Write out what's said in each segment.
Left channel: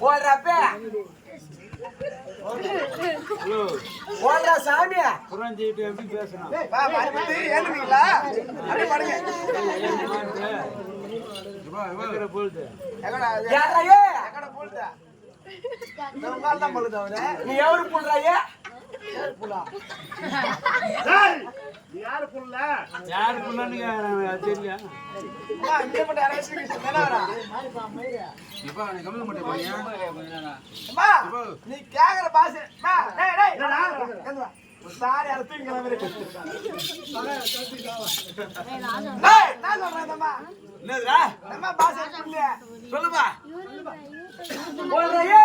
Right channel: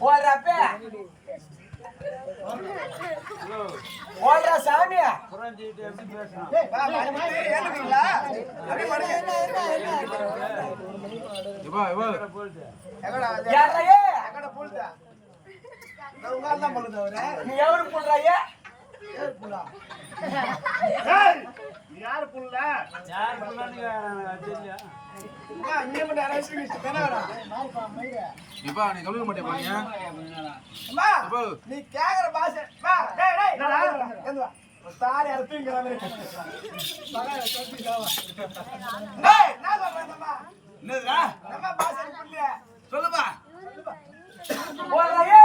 ஓடுறப்ப ஓடுற சாமியா நீ எவரு புள்றாயே யாரு புள்ள யாரு புள்ளன்னு தெரியல நீ கேக்குற பாச சாரி அறுத்துங்களா சொல்லுமா ஓடுறாயே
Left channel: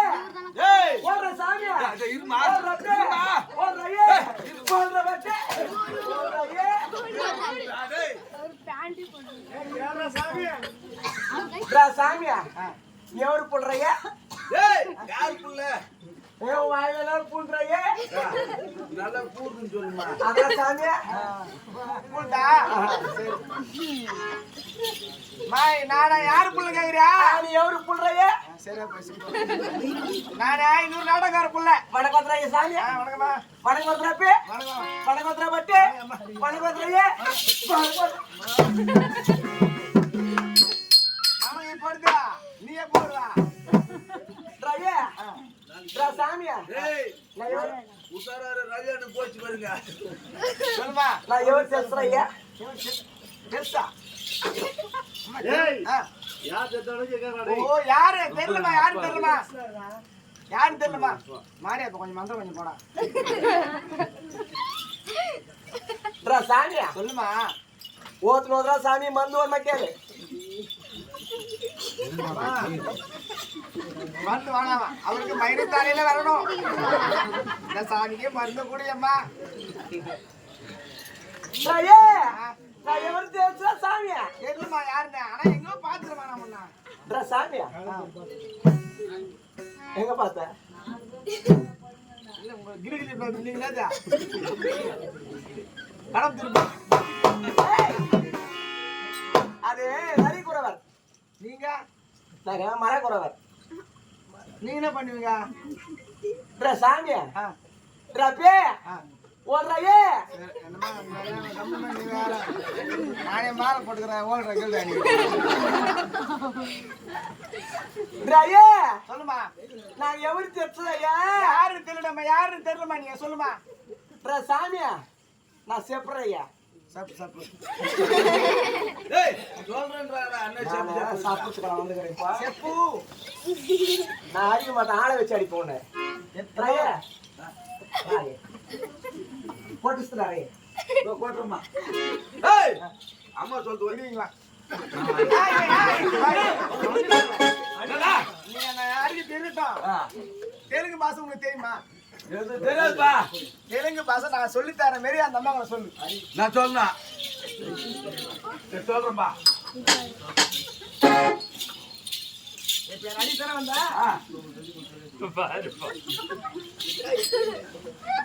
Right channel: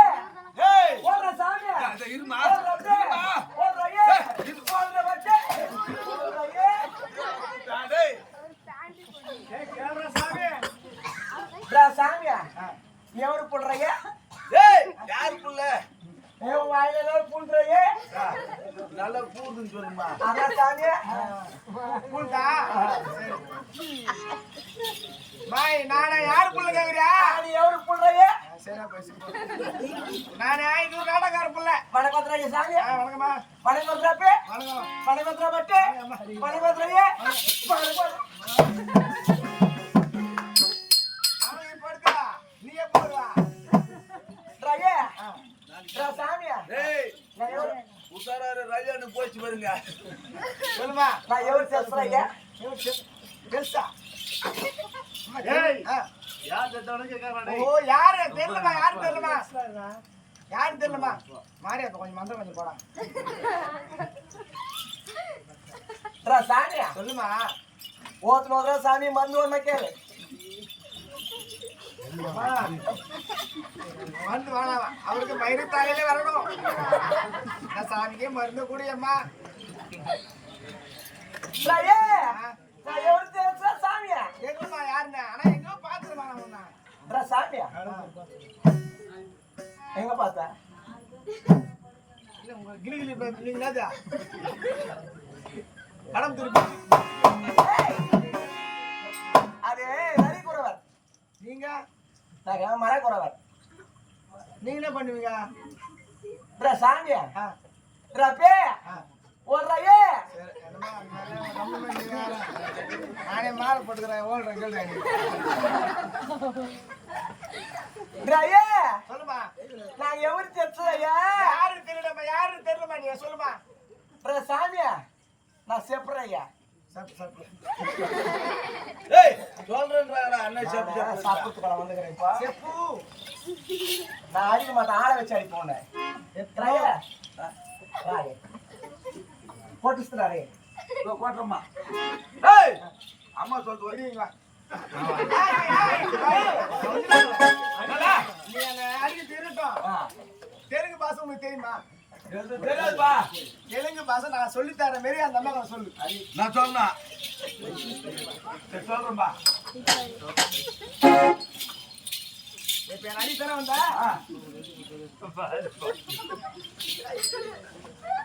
ஓடுற சாமியா இருமா ஓடுறாயே ஓடுற பச்சை ஓடுறாயே சாமியா நீ எவரு புள்றைய யாரு புள்ள வாயில புள்றைய நல்ல பூதுன்னு சொல்லுமா அதான் சாமியா பூண்டா மாய் நானா யாரு புள்ள கேக்குறியா நீ எவரு புள்றைய சரியா பேசி நானே இன்னொரு நாடகார புள்ள வணக்கத்துறைய சாமியா வணக்கம்மா வணக்கத்துறப்பே வணக்கத்துற பட்டு வணக்கத்துறைய நீயே போடுறா சாமியா உசாராரு ரயில்னு போச்சு பாருங்க சொல்லுமா நான் எவர் பேசுறேன் பெருசா யாரு தெரியலமா யாரு தெரியலமா யாரு தெரியலமா மாரியா கொஞ்சம் மந்திரம் கொஞ்சம் போடா சாமியா சொல்லுமா ஓத்துனோதரா சாமி மருந்து ஒண்ணு கேளு மருந்து வாழாமா அவருக்கு மயிறு தாலையில வரணும் சாமிக்கே மருந்து கூட அம்மா எவரு தெரிஞ்சா சாமியா தெரியலமா யாருன்னா ஆனா எங்க பாத்துருவாங்க சாமியா எங்க பார்த்த கடம் திருப்பி அது நரி குறவர் நீங்க மர குறவர் நீ என்ன பண்ணுவீங்க சாமியா பே ஓடுறாயே நானே மாலை போட்டுக்கிறேன் ஓடுற சொல்லுமா நான் எவரு தெரிச்சதையா யாரு தெரியலமா யாரு தெரியலமா நீ சொல்லுமா சாமியா நான் செப்புறையா நான் அடிக்க மாட்டேன் ஆளை வச்சு அடிப்போம் போட்டுறாரே போட்டுருமா அம்மா சொல்லிட்டு வருவீங்களா நீ அடிக்க தெரியட்டும் தெலுங்கு பாசை உனக்கு தெரியுமா தெலுங்கு பாசை நான் சொல்லித்தர மாரி அந்த அம்மா சொல்லு நான் சொன்னேன் சொல்றேன்பா இப்ப என் அடித்தர வந்தா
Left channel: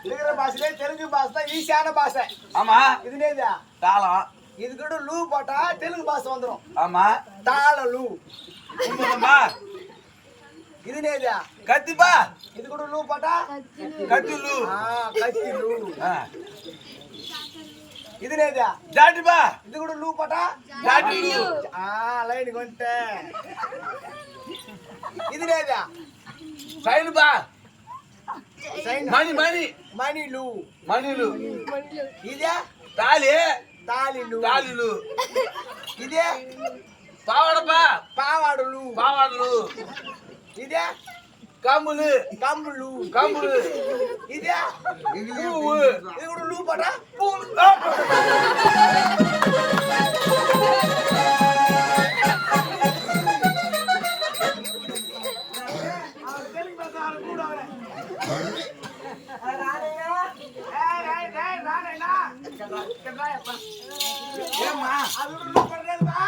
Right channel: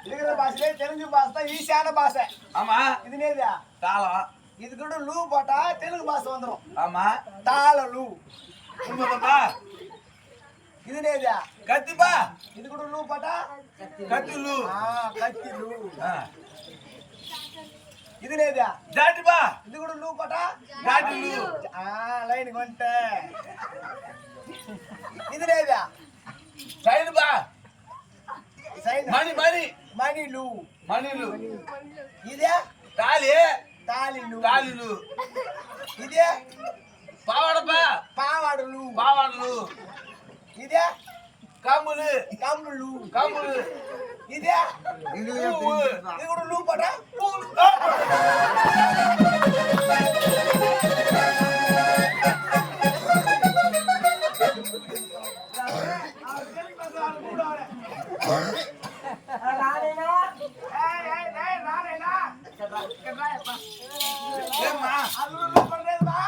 இருக்கிற பாஷையிலே தெலுங்கு பாஷை தான் ஈஸியான பாஷை ஆமா இது நேதா தாளம் இது கூட லூ போட்டா தெலுங்கு பாஷை வந்துடும் ஆமா தாள லூ உண்மைதான்பா இது நேதா கத்திப்பா இது கூட லூ போட்டா கத்தி லூ கத்தி லூ இது நேதா ஜாட்டிப்பா இது கூட லூ போட்டா ஜாட்டி லூ லைனுக்கு வந்துட்டேன் இது நேதா சைனுப்பா மணி மணி மணிலு மணிலு இதே தாலி தாலிலு தாலிலு இதே பாவாடப்பா பாவாடலு பாவாடலு இதே கம்புலு கம்புலு கம்புலு இதே பூவு இது கூட லூ போட்டா பூ ஏமா அது பண்ணுறேன்பா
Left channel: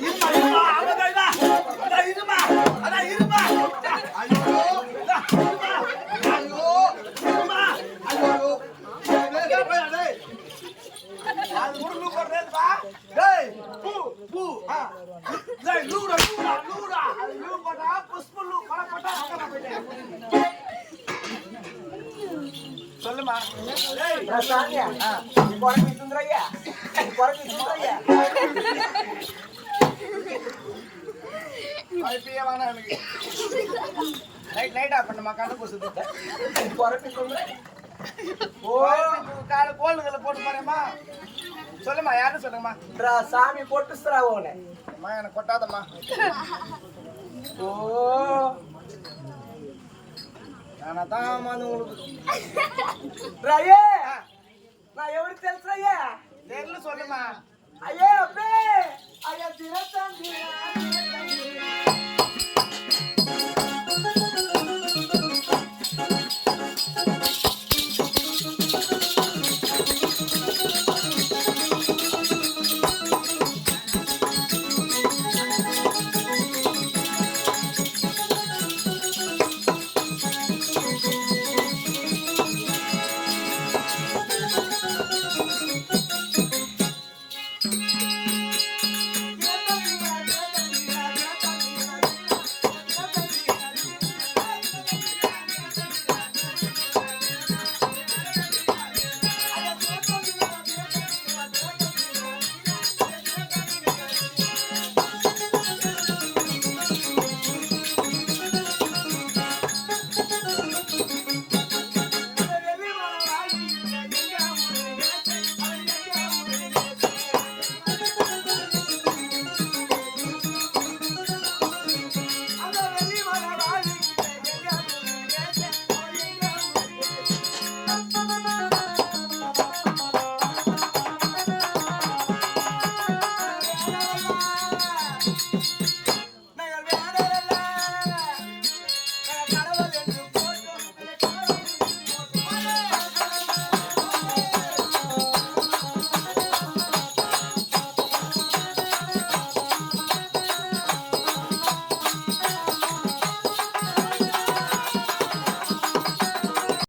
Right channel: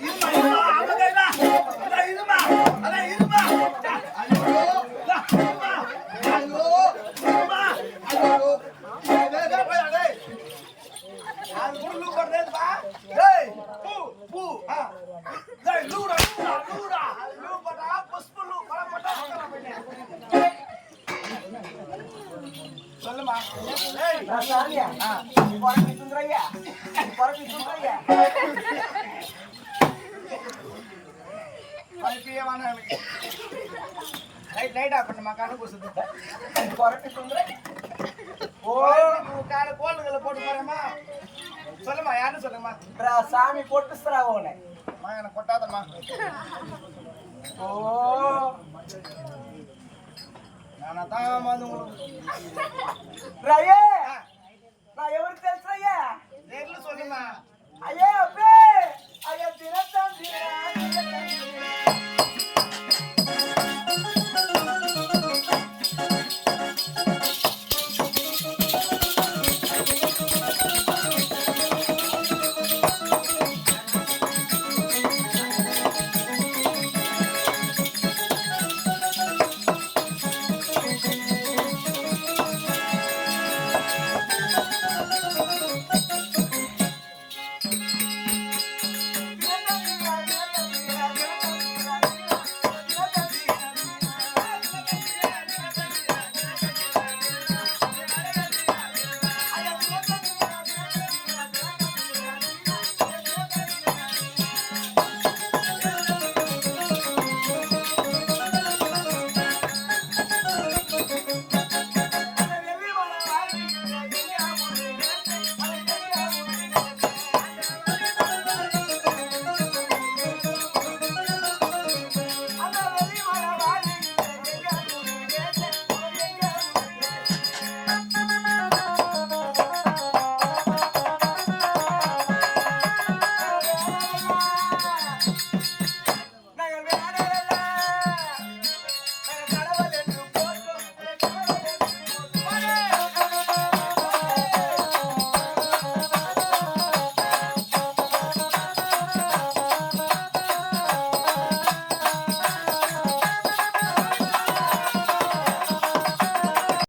இருமா இருமா அவதேடா அட இருமா அட இருமா ஐயோ இருமா ஐயோ இருமா ஐயோ டேய் அது கூட லூ பண்ணுறேன்பா டேய் பூ பூ டேய் லூடா லூடா சொல்லுமா சாமியா குறைச்சி சுந்தரையா குறைச்சி சுந்தரையா இப்பயே வேணாம் எனக்கு லைட் ஆஃப் பண்ணுமா கண்ணு கொசுது குறைச்சி சுந்தரை ஓ காலை கோல்டுகளை போட்டு போறேம்மா சொல்லுமா யாருன்னு சொல்லுங்கம்மா சாமி போட்டு உன அம்மா எனக்கு கொட்டாதம்மா ஓ நானா தான் வந்து உங்களுக்கு రయ్యే నా ఎవరు తెలుసయ్యా தெரியல சொல்லுமா అయ్యే అబ్బే అయ్యా తినతాం